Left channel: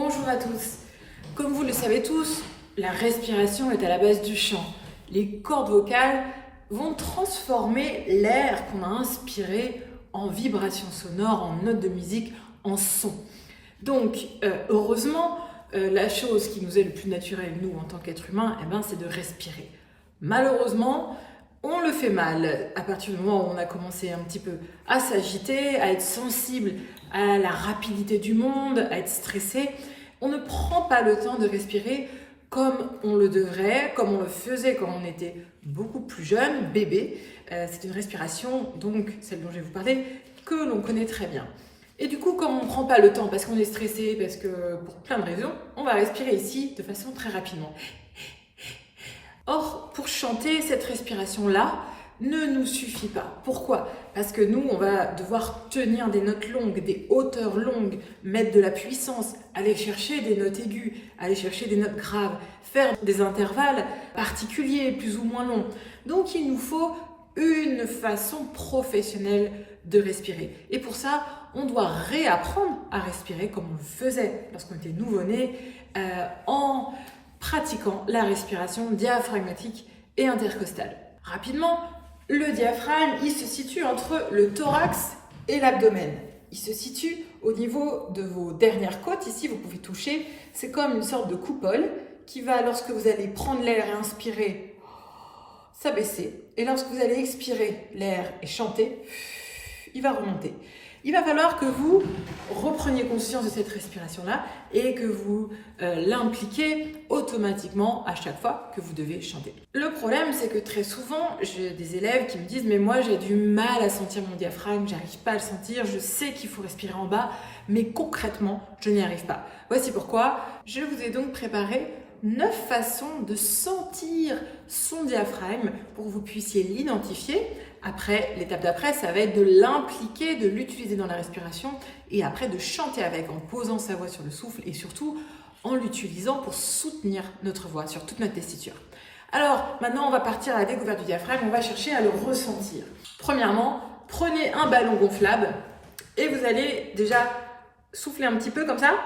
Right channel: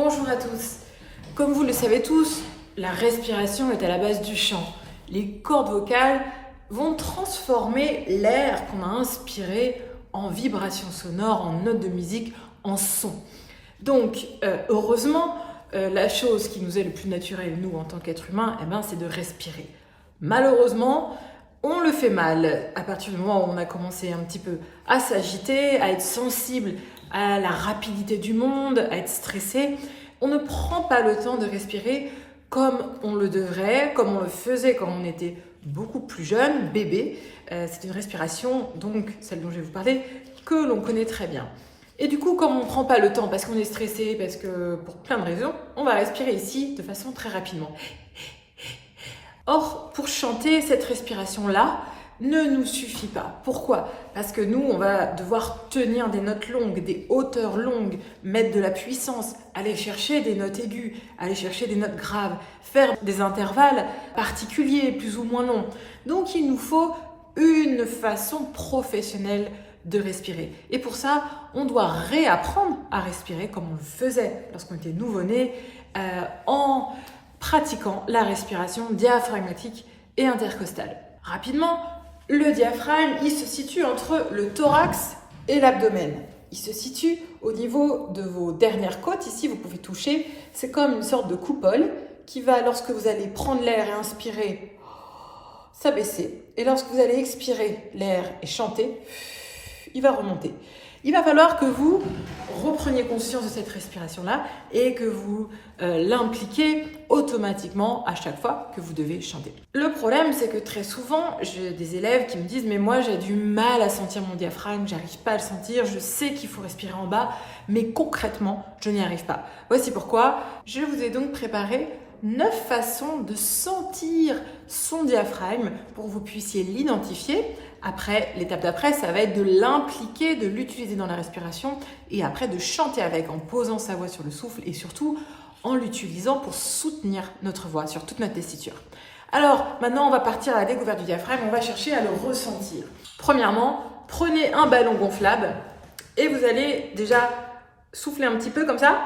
Bonjour à tous. Comme vous le savez tous, la respiration est à la base du chant. Les cordes vocales vont transformer l'air qu'on a inspiré en vibrations sonores, en notes de musique, en son. Donc, heureusement, la chose qui nous est le plus naturelle, nous, en tant qu'êtres humains, c'est de respirer. Malheureusement, on le fait mal à partir du moment où on a commencé un petit peu à s'agiter, à être sensible à la rapidité du monde, à être stressé. On ne prend pas le temps de respirer comme on le devrait, comme on le faisait quand on était beaucoup plus jeune, bébé. C'est une respiration, donc celle dont je vais vous parler, que l'on connaît très bien. Et du coup, comme on ne prend pas le temps parce qu'on est stressé, parce que pour plein de raisons, on va respirer ici de façon très rapidement. Or, pour chanter, cette respiration-là ne nous suffit pas. Pourquoi ? Parce que nous, on va devoir tenir des notes longues, des hauteurs longues, mettre de la puissance, aller chercher des notes aiguës, aller chercher des notes graves, faire des intervalles particuliers, plus ou moins longs. Donc, il nous faut une façon professionnelle de respirer. Et pour ça, on doit réapprendre à respirer comme on le faisait lorsqu'on était nouveau-né, en pratiquant la respiration diaphragmatique et intercostale. Rapidement, le diaphragme, il se situe entre le thorax et l'abdomen. Il se situe au niveau de vos dernières côtes. Ici, vous pouvez toucher. C'est comme une sorte de coupole qui va, lorsque vous allez prendre l'air et inspirer, s'abaisser. Et lorsque vous allez expirer l'air et chanter, il va remonter. Il va falloir que vous repreniez conscience de cette respiration-là et que vous l'impliquiez automatiquement à chaque fois que vous devez chanter. Le problème, c'est que très souvent, j'ai des élèves qui me disent « mais moi, j'ai du mal à sentir mon diaphragme, j'arrive pas à le sentir, je sais qu'il faut respirer en bas, mais concrètement, je n'y arrive pas ». Voici pourquoi je vous ai donc préparé 9 façons de sentir son diaphragme pour que vous puissiez l'identifier. Après, l'étape d'après, ça va être de l'impliquer, de l'utiliser dans la respiration et après de chanter avec en posant sa voix sur le souffle et surtout en l'utilisant pour soutenir notre voix sur toute notre tessiture. Alors, maintenant, on va partir à la découverte du diaphragme, on va chercher à le ressentir. Premièrement, prenez un ballon gonflable et vous allez déjà souffler un petit peu comme ça.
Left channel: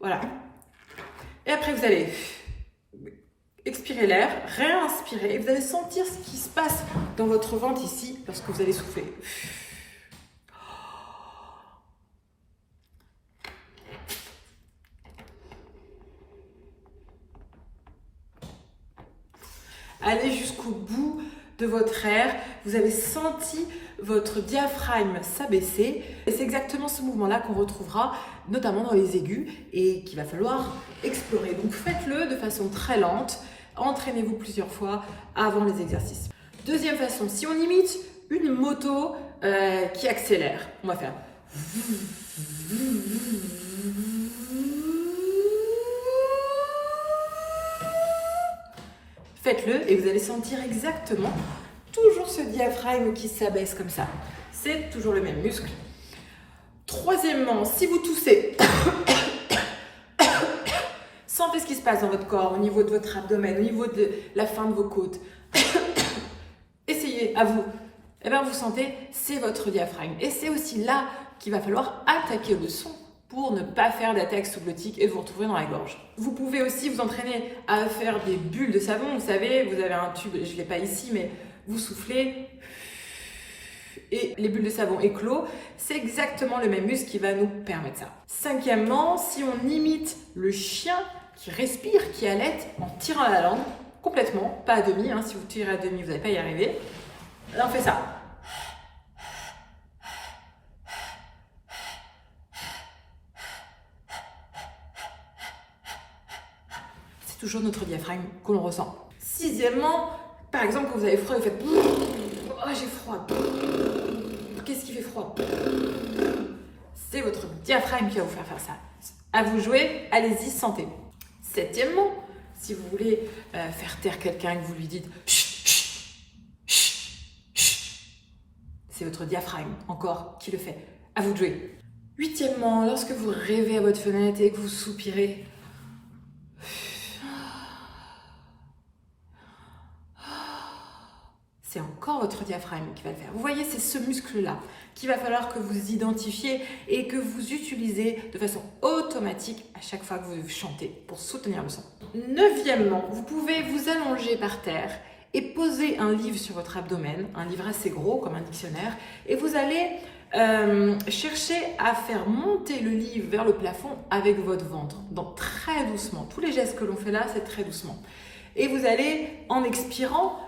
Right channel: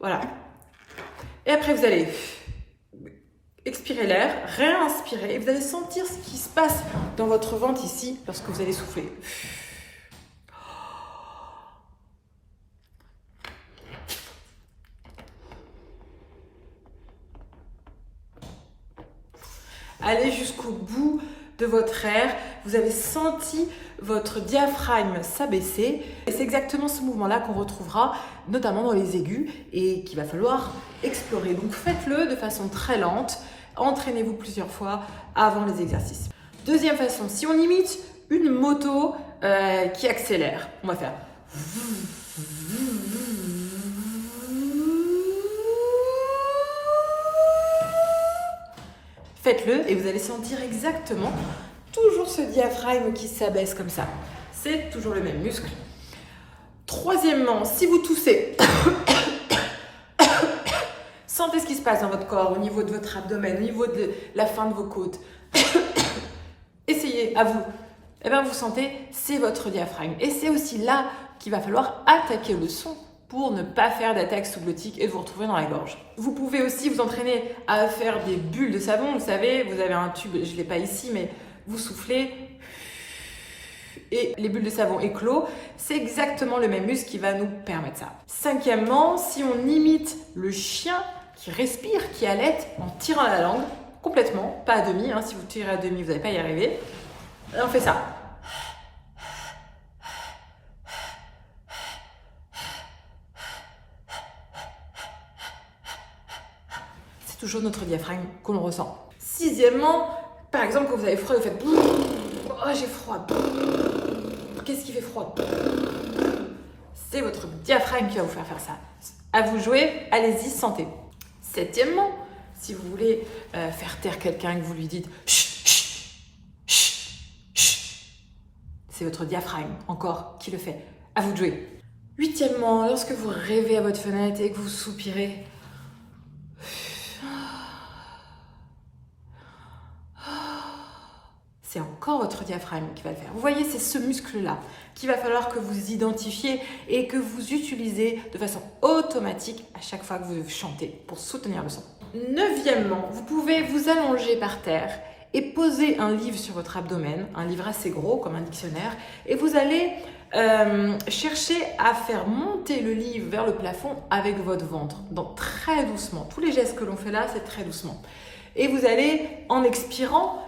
Voilà. Et après, vous allez expirez l'air, réinspirez et vous allez sentir ce qui se passe dans votre ventre ici lorsque vous allez souffler. Allez jusqu'au bout de votre air, vous avez senti votre diaphragme s'abaisser et c'est exactement ce mouvement-là qu'on retrouvera notamment dans les aigus et qu'il va falloir explorer. Donc faites-le de façon très lente. Entraînez-vous plusieurs fois avant les exercices. Deuxième façon, si on imite une moto qui accélère, on va faire. Faites-le et vous allez sentir exactement toujours ce diaphragme qui s'abaisse comme ça. C'est toujours le même muscle. Troisièmement, si vous toussez, sentez ce qui se passe dans votre corps, au niveau de votre abdomen, au niveau de la fin de vos côtes. Essayez, à vous. Vous sentez, c'est votre diaphragme. Et c'est aussi là qu'il va falloir attaquer le son pour ne pas faire d'attaque sous-glottique et vous retrouver dans la gorge. Vous pouvez aussi vous entraîner à faire des bulles de savon. Vous savez, vous avez un tube, je ne l'ai pas ici, mais vous soufflez et les bulles de savon éclosent. C'est exactement le même muscle qui va nous permettre ça. Cinquièmement, si on imite le chien qui respire, qui halète en tirant la langue, complètement, pas à demi, si vous tirez à demi, vous n'allez pas y arriver. Là, on fait ça. C'est toujours notre diaphragme qu'on ressent. Sixièmement, par exemple, quand vous avez froid, vous faites « oh, j'ai froid ». Qu'est-ce qui fait froid? C'est votre diaphragme qui va vous faire ça. À vous de jouer, allez-y, sentez. Septièmement, si vous voulez faire taire quelqu'un et que vous lui dites chut, chut, chut, chut, c'est votre diaphragme encore qui le fait. À vous de jouer. Huitièmement, lorsque vous rêvez à votre fenêtre et que vous soupirez, c'est encore votre diaphragme qui va le faire. Vous voyez, c'est ce muscle-là qu'il va falloir que vous identifiez et que vous utilisez de façon automatique à chaque fois que vous chantez pour soutenir le son. Neuvièmement, vous pouvez vous allonger par terre et poser un livre sur votre abdomen, un livre assez gros comme un dictionnaire, et vous allez chercher à faire monter le livre vers le plafond avec votre ventre, donc très doucement. Tous les gestes que l'on fait là, c'est très doucement. Et vous allez, en expirant,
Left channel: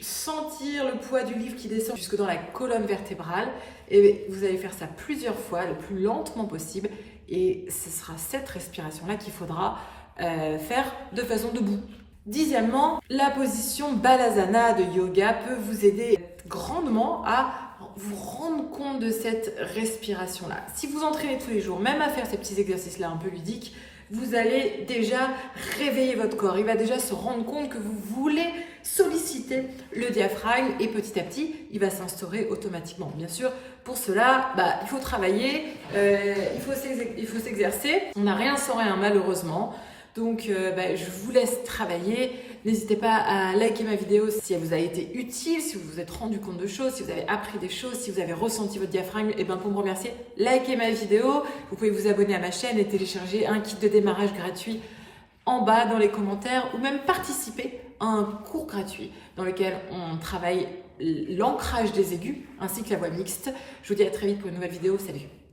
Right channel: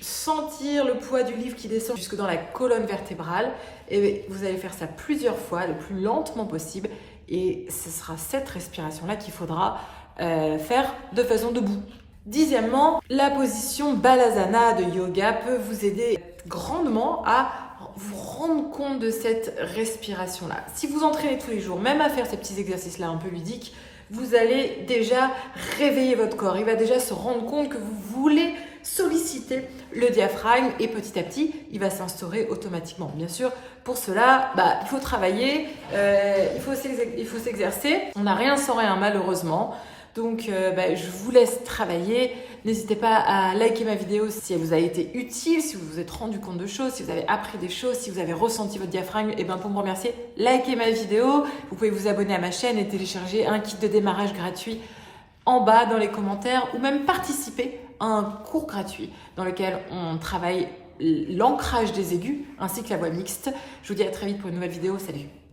sentir le poids du livre qui descend jusque dans la colonne vertébrale. Et vous allez faire ça plusieurs fois, le plus lentement possible. Et ce sera cette respiration-là qu'il faudra faire de façon debout. Dixièmement, la position Balasana de yoga peut vous aider grandement à vous rendre compte de cette respiration-là. Si vous entraînez tous les jours, même à faire ces petits exercices-là un peu ludiques, vous allez déjà réveiller votre corps. Il va déjà se rendre compte que vous voulez solliciter le diaphragme et petit à petit, il va s'instaurer automatiquement. Bien sûr, pour cela, il faut travailler, il faut s'exercer. On n'a rien sans rien, malheureusement. Donc, je vous laisse travailler. N'hésitez pas à liker ma vidéo si elle vous a été utile, si vous vous êtes rendu compte de choses, si vous avez appris des choses, si vous avez ressenti votre diaphragme. Et pour me remercier, likez ma vidéo. Vous pouvez vous abonner à ma chaîne et télécharger un kit de démarrage gratuit en bas dans les commentaires ou même participer à un cours gratuit dans lequel on travaille l'ancrage des aigus ainsi que la voix mixte. Je vous dis à très vite pour une nouvelle vidéo. Salut!